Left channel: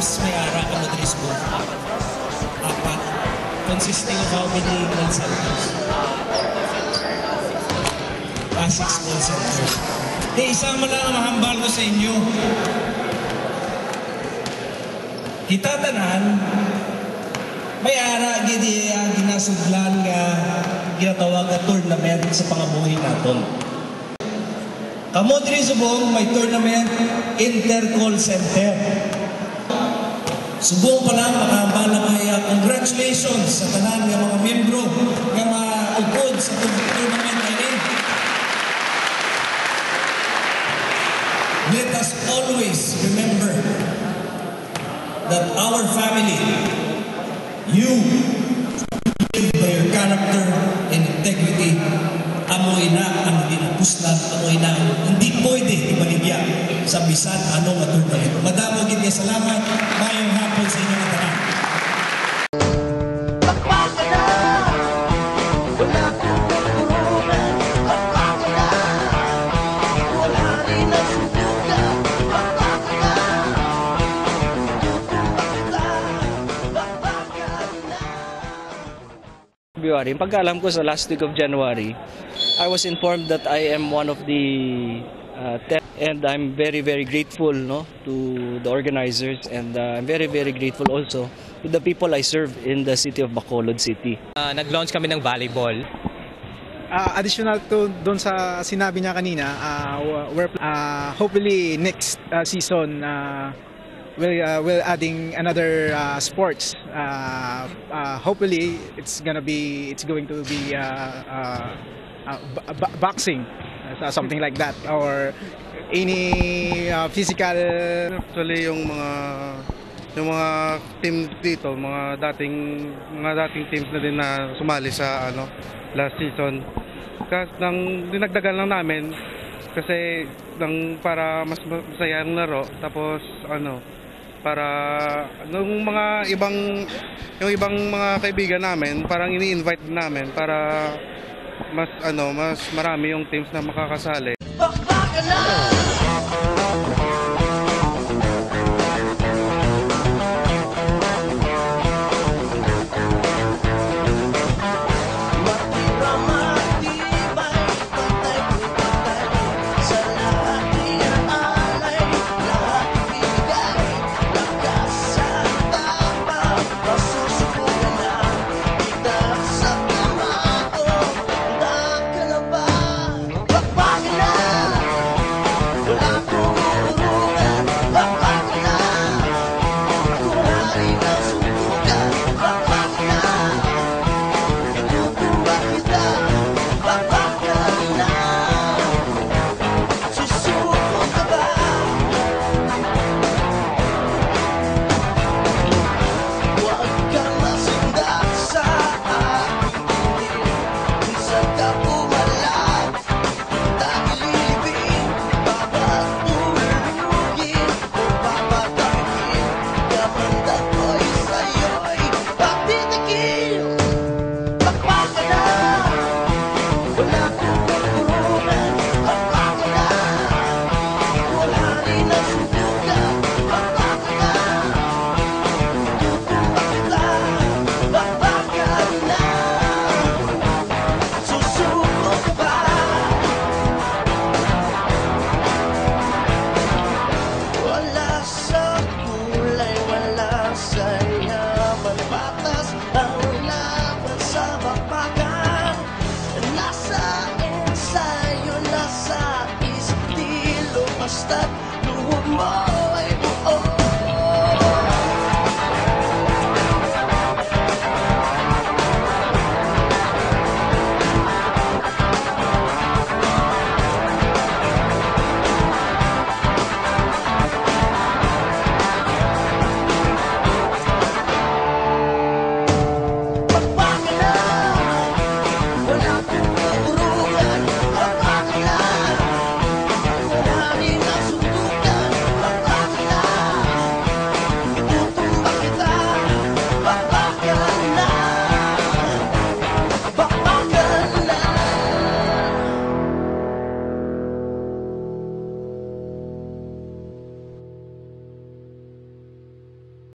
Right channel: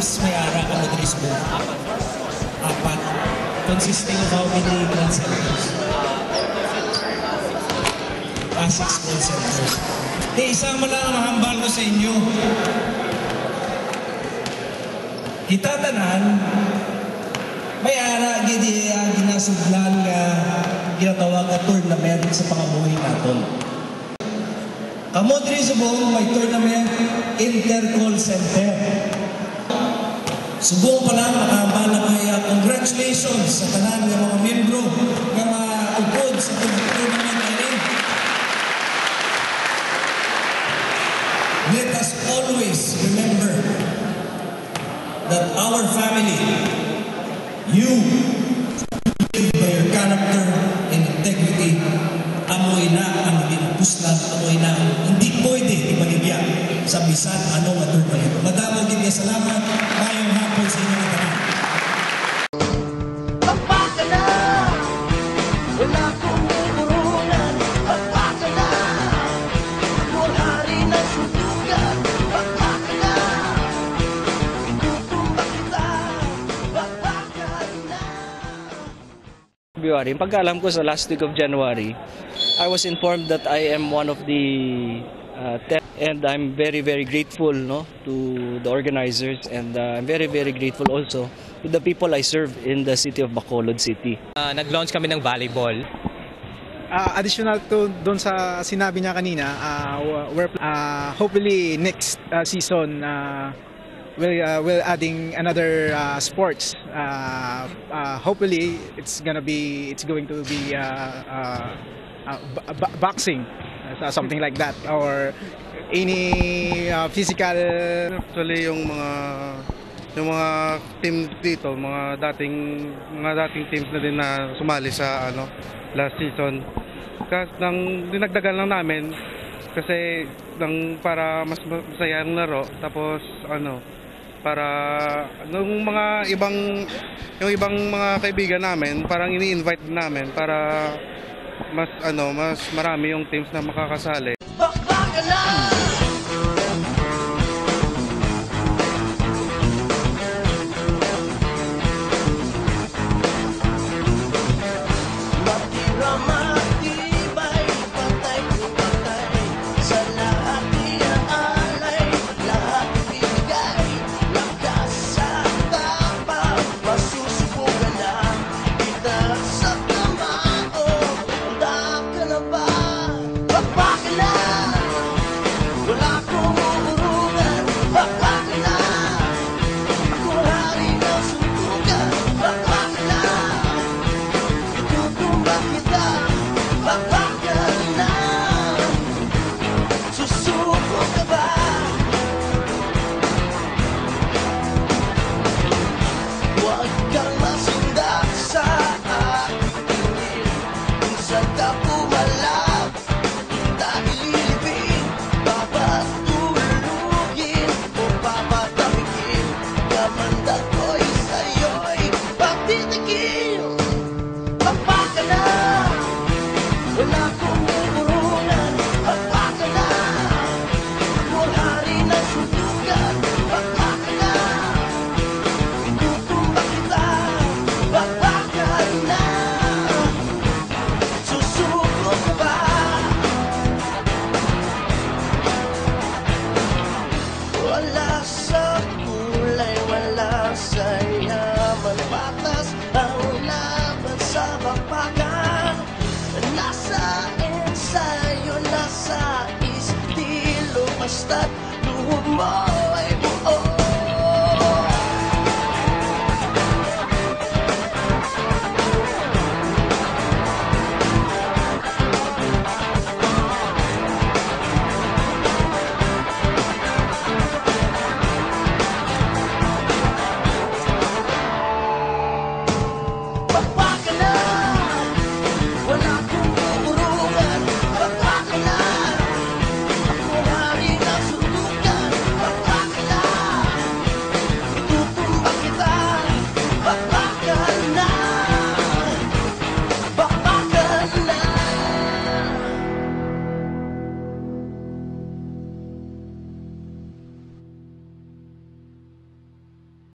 teams may ara ka Madrid Book? Apat. Consisting of how many goal centers? 6 goal centers. Isama lang ang mahambal ko sa inyo. Kita tanan, may ara ginasudlan nga ginatawag na tournament sa pangabuhi naton. Kamo diri subong may tournament Inter-Call Center. Subong pa lang makahambal na kaya congratulations sa tanan ng mga membro ng mga ugod sa tournament na ini. Let us always remember that our family, you live by your character and integrity. Amoy na ang ginapuslan, amoy na hindi pwede ibaligya sa bisan anong tournament. Madamo gid salamat. Mayong hapon sa inyo mga tanan. Pagpaka na, wala kong kurungan. Pagpaka na, wala rin ang sundugan. Pagpaka na, tutumba kita. Pagpaka na. Pagpaka na. Matira matibay, patay patay. Sa lahat iaalay, lahat ibigay. Lakas sa tapang, masusubukan na kita sa kamao. Handa ka na ba? Pagpaka na, wala kong urungan. Pagpaka na, ako hari ng suntukan. Pagpaka na, itutumba kita. Pagpaka na, susuko ka ba? Huwag kang masindak sa aking tingin. Minsan ka pumalag, kita ililibing. Papatulugin o papatabigin. Kamanda ko'y sa'yo'y pagtitikim. Pagpaka na, wala kong kurungan. Pagpaka na, wala rin ang sundugan. Pagpaka na, itutumba kita. Pagpaka na, susuko ka ba? Wala sa kulay, wala sa yaman. Patas ang laban sa bakbakan. Nasa ensayo, nasa estilo. Basta't luhod mo ay buo. Pagpaka na, wala kong urungan. Pagpaka na, ako hari ng sundukan. Pagpaka na, itutumba kita. Pagpaka na.